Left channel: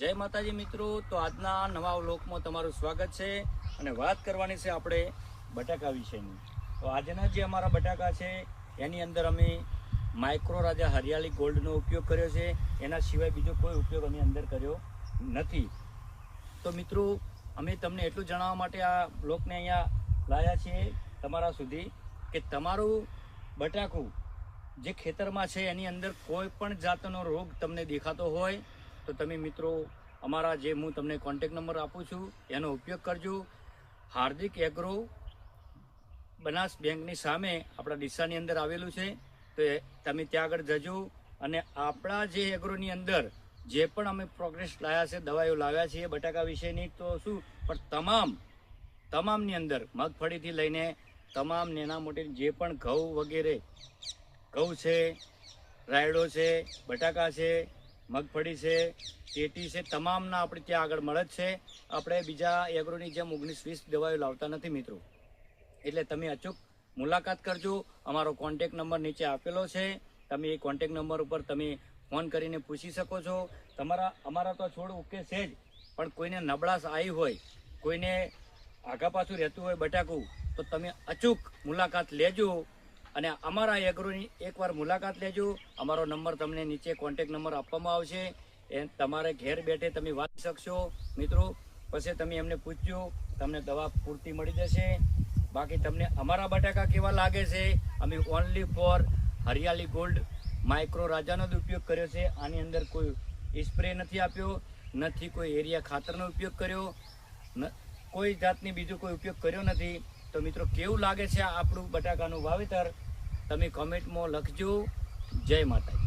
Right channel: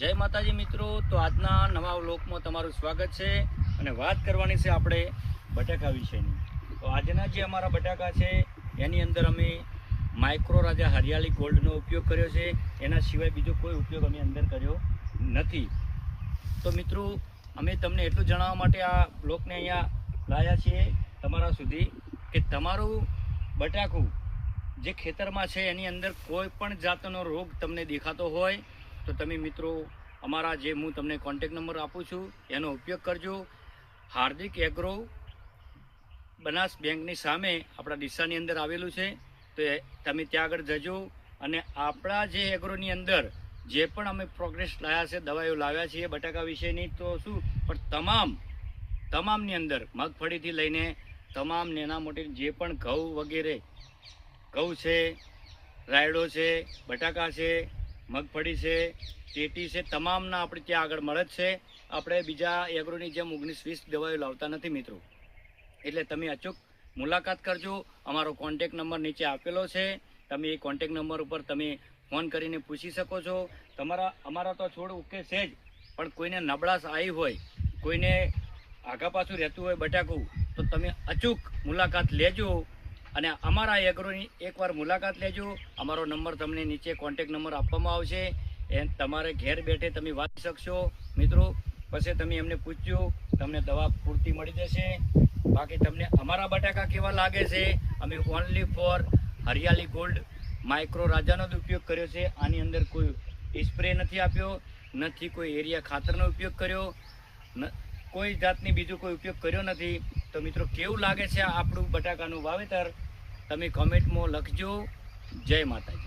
જય માતાજી મિત્રો, તો આજના નવા વ્લોગમાં તમારું સ્વાગત છે અને વાત કરવાની છે આપણે બટાકા વિશેની। તો આજના જે અમારા બટાકા છે એની અંદર અમે માઇક્રો રાજા હરિયાળી ગોલ્ડનો ઉપયોગ કર્યો છે, એના સિવાય બીજો કોઈ ઉપયોગ અમે અંદર કર્યો નથી। તો મિત્રો અમે તમને એટલું જણાવવા માટે આ બ્લોગને અહીંયા લાવ્યા છીએ તમારા સુધી કે તમારું બટાકું જે ખેતરમાં છે એની અંદર કોઈ પણ જાતનો રોગ તમને દેખાતો હોય તો તમે મિત્રો અમારા જે હું તમને કોન્ટેક નંબર આપું છું એનો ઉપયોગ કરજો। હાર્દિક એગ્રો બનાસ બેંકની સામે આપણા ડીસાની અંદર આવેલું છે, તો તમે ત્યાં આગળ જજો અને આપણા જે એગ્રોની અંદર જે પણ અમે પ્રોગ્રેસ લાવ્યા છે, દવાઈઓ લાવ્યા છીએ બટાકા વિશેની, તો શું પણ તમામની અંદર મગફળીથી લઈને તમામ નાના મોટી જે પણ ઘઉં વગેરે, ઘઉં છે, રાયડો છે, બટાકા છે, મગફળી છે, ટેટી છે, તમામના આપણે ત્યાં આગળ મળે જ છે। આપણે બીજા એગ્રોની જેમ 19-20 દવાઈઓ લાવતા નથી મિત્રો, એટલે તમે અચૂક મુલાકાત કરજો। અમારો કોન્ટેક નંબર નીચે આપેલો છે, તમે એ કોન્ટેક નંબર ઉપર તમે ફોન કરીને પૂછી શકો છો। અમારા તો છોડ ઓકે છે જ, પણ કોઈને નબળાશ આવી હોય, કોઈને આગા પાછું રહેતું હોય બટાકું, તો તમે અચૂક મુલાકાત લેજો અને અમારા એગ્રોની એકવાર મુલાકાત લેજો। અમારો નંબર તમને નીચે કોન્ટેક નંબર આપવામાં આવશે, એ તમારે ઘેર બેઠે તમે વાંચી શકશો મિત્રો। પછી તમે એમને પૂછજો, તમને દવા પૂરતી મળી જશે। બાકી તમને અમારા બટાકા કેવા લાગે છે, અમે ઓનલી ફોર હરિયાળી ગોલ્ડ માઇક્રો રાજાનો જ ઉપયોગ કર્યો છે। આની અંદર કોઈ સ્પ્રે નથી આપ્યો, નથી કોઈ એરિયા ખાતરનો ઉપયોગ કર્યો, કોઈ જાતની બીજો કોઈ ઉપયોગ કર્યો નથી। તો મિત્રો કેવું લાગે છે આપણું બટાકાનું વાવેતર તમે કોમેન્ટમાં લખજો। જય માતાજી।